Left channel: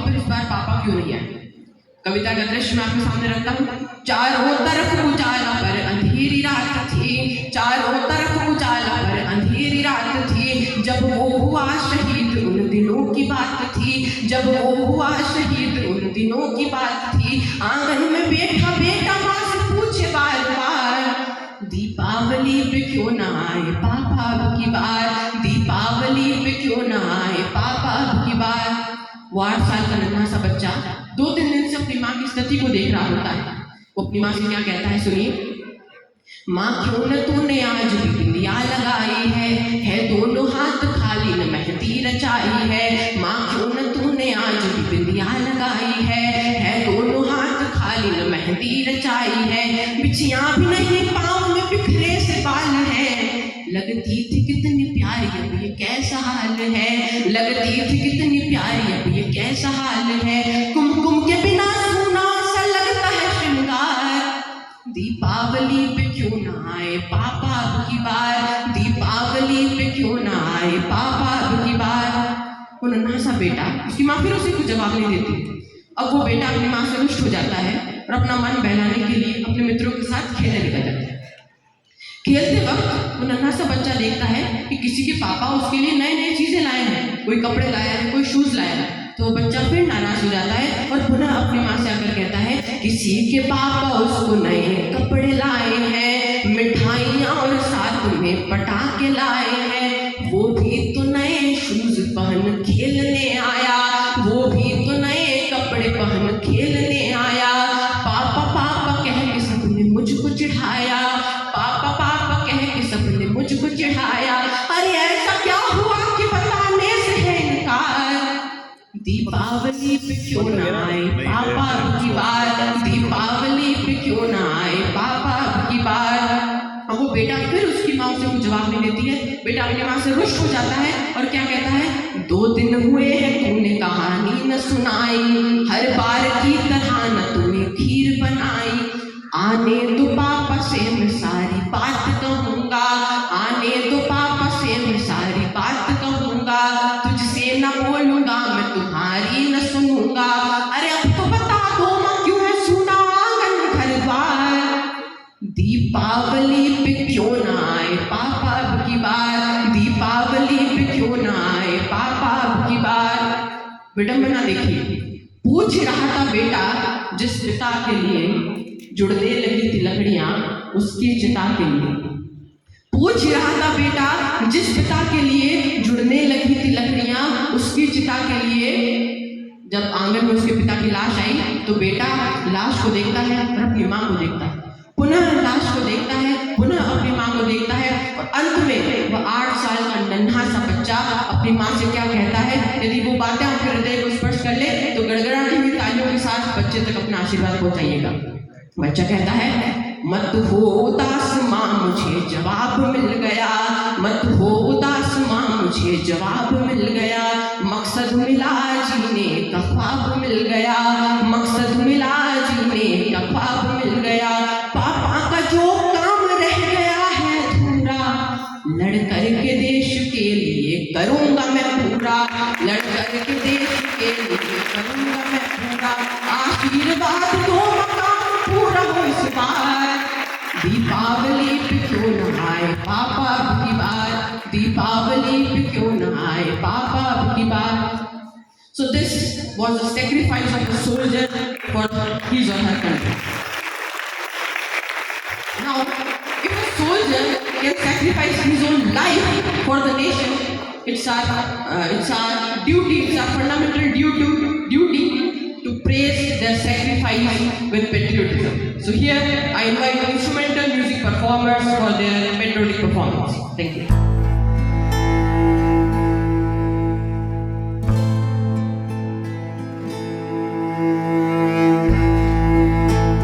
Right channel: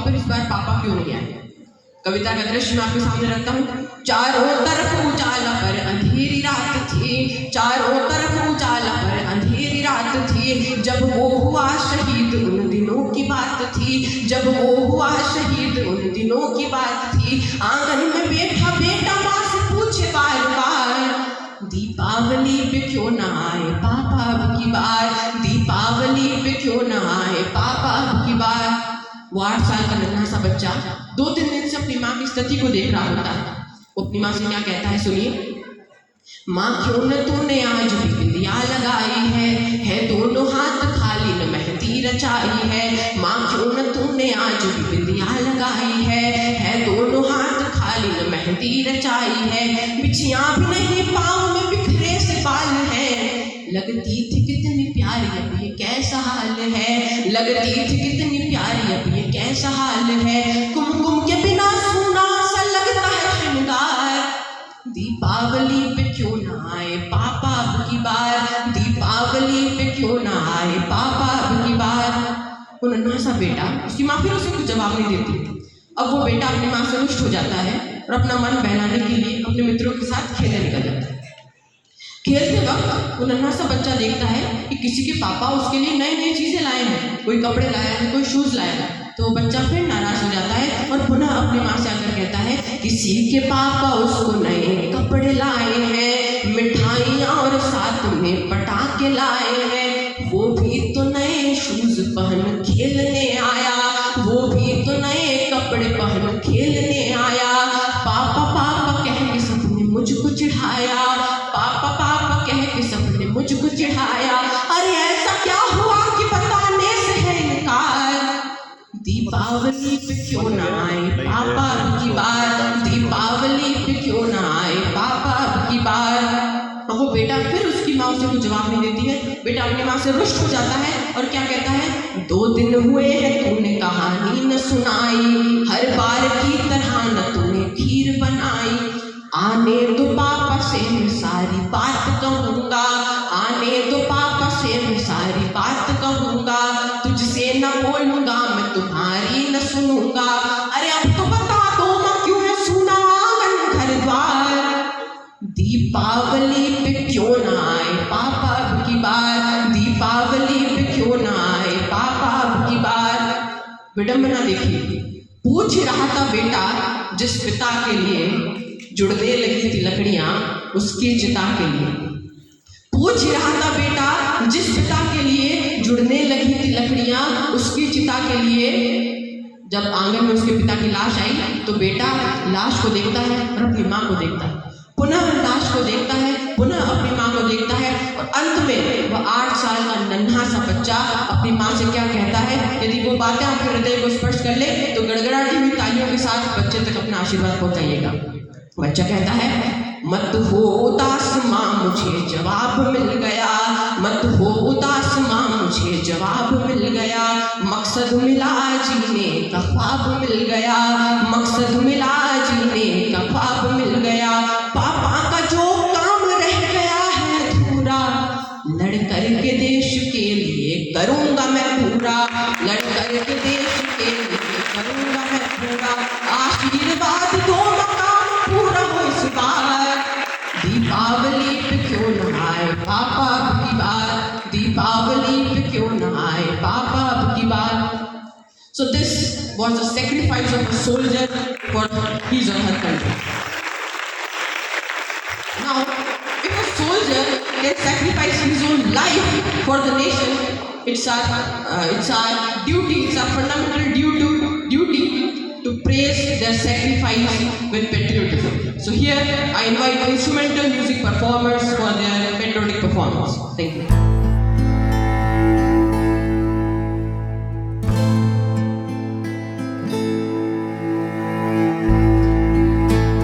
दीपावली पर इस बार पापा क्यों नहीं आए। कविता का दृश्य मैं आपके सामने रखता हूँ। चारों तरफ उजाला पर अंधेरी रात थी, चारों तरफ उजाला पर अंधेरी रात थी, जब वो हुआ शहीद उन दिनों की बात थी, जब वो हुआ शहीद उन दिनों की बात थी। आंगन में बैठा बेटा माँ से पूछे बार बार, दीपावली पे क्यों ना आए पापा अब की बार, दीपावली पे क्यों ना आए पापा अब की बार। वो 8 साल का नन्हा सा बच्चा 2-3 दिन से अपनी माँ की स्थिति को देख रहा होता है। वो अपनी माँ से क्या कहता है, सुनिए। माँ क्यों न तूने आज भी बिंदिया लगाई है दोनों हाथ खाली न मेहंदी रचाई है। माँ क्यों न तूने आज भी बिंदिया लगाई है दोनों हाथ खाली न मेहंदी रचाई है। बिछियाँ भी नहीं पाँव में बिखरे से बाल है, लगती थी कितनी प्यारी अब ये कैसा हाल है, लगती थी कितनी प्यारी अब ये कैसा हाल है। कुमकुम के बिना सूना सा लगता है श्रृंगार, दीपावली पे क्यों ना आए पापा अब की बार, दीपावली पे क्यों ना आए पापा अब की बार। वो नन्हा सा बेटा, उसकी माँ फिर उसे कुछ जवाब नहीं देती। अब वो बेटा अपनी माँ से रुष्ट हो जाता है और अपना मन बहलाने के लिए अपने मित्रों के साथ खेलने निकल जाता है। खेलते वक्त वो नन्हा सा बच्चा देखता है कि किसी के पापा उसके लिए नई नई चीजें लाए हैं, कोई कपड़े लाए हैं, कोई शूज लाए हैं। तो वो बच्चा फिर नाराज हो जाता है और पुनः अपनी माँ से आकर कहता है, किसी के पापा उसको नए कपड़े लाए हैं, मिठाइयाँ और साथ में पटाखे लाए हैं, वो भी तो नए शूज पहन खेलने आया, वो भी तो नए कपड़े पहन खेलने आया। पापा पापा कह के सबने मुझको चिढ़ाया, पापा पापा कह के सबने मुझको चिढ़ाया। अरे ऐसा क्या हुआ कि बताने से है इनकार, दीपावली पे क्यों ना आए पापा अब की बार, दीपावली पे क्यों ना आए पापा अब की बार। और वो बेटा फिर उसकी माँ उसे कुछ जवाब नहीं देती है। बेटा अपनी माँ से रुष्ट हो जाता है और क्या कहता है, 2 दिन हुए हैं तूने कहानी न सुनाई, हर बार की तरह न तूने खीर बनाई। आने दो पापा से मैं सारी बात कहूँगा, आने दो पापा से मैं सारी बात कहूँगा, तुझसे न बोलूँगा मैं तुम्हारी न सुनूंगा। अरे अब तो बता दो माँ क्यों है सुना आंगन घर द्वार, दीपावली पे क्यों ना आए पापा अब की बार, दीपावली पे क्यों ना आए पापा अब की बार। विडंबना देखिए, पूछ रहा था बेटा जिस पिता के लिए जुड़ने लगी थी लकड़ियां उसकी चिता के लिए, पूछ रहा था बेटा जिस पिता के लिए जुड़ने लगी थी लकड़ियां उसकी चिता के लिए। जब आंगन में उसके पिता की लाश आई तो बेटा लाश को देखता है और अपनी माँ को देखता है, पुनः लाश को देखता है, पुनः अपनी माँ को देखता है और अंत में वह 8 साल का नन्हा सा बच्चा अपनी माँ से क्या कहता है। यदि वो बातें आपके हृदय को स्पर्श कर ले तो गड़गड़ाती हुई तालियों के साथ बच्चे तक अपना आशीर्वाद पहुंचाइएगा। बच्चा कहता है, मत हो उदास माँ मुझे जवाब मिल गया, मत हो उदास माँ मुझे जवाब मिल गया, मकसद मिला जीने का ख्वाब मिल गया, मकसद मिला जीने का ख्वाब मिल गया। पापा का जो काम रह गया है अधूरा, लड़कर के देश के लिए करूँगा मैं पूरा, लड़कर के देश के लिए करूँगा मैं पूरा। आशीर्वाद दो पूरा हो इस बार, दीपावली पे क्यों ना आए पापा अब की बार, दीपावली पे क्यों ना आए पापा अब की बार। So this was the sacrifice of a soldier for his or her country. Now, if a soldier can sacrifice his own life for the nation, it's our duty, it's our fundamental duty to praise their sacrifice with patriotism. So here I invite instrumental music performers for their patriotic performance. Thank you.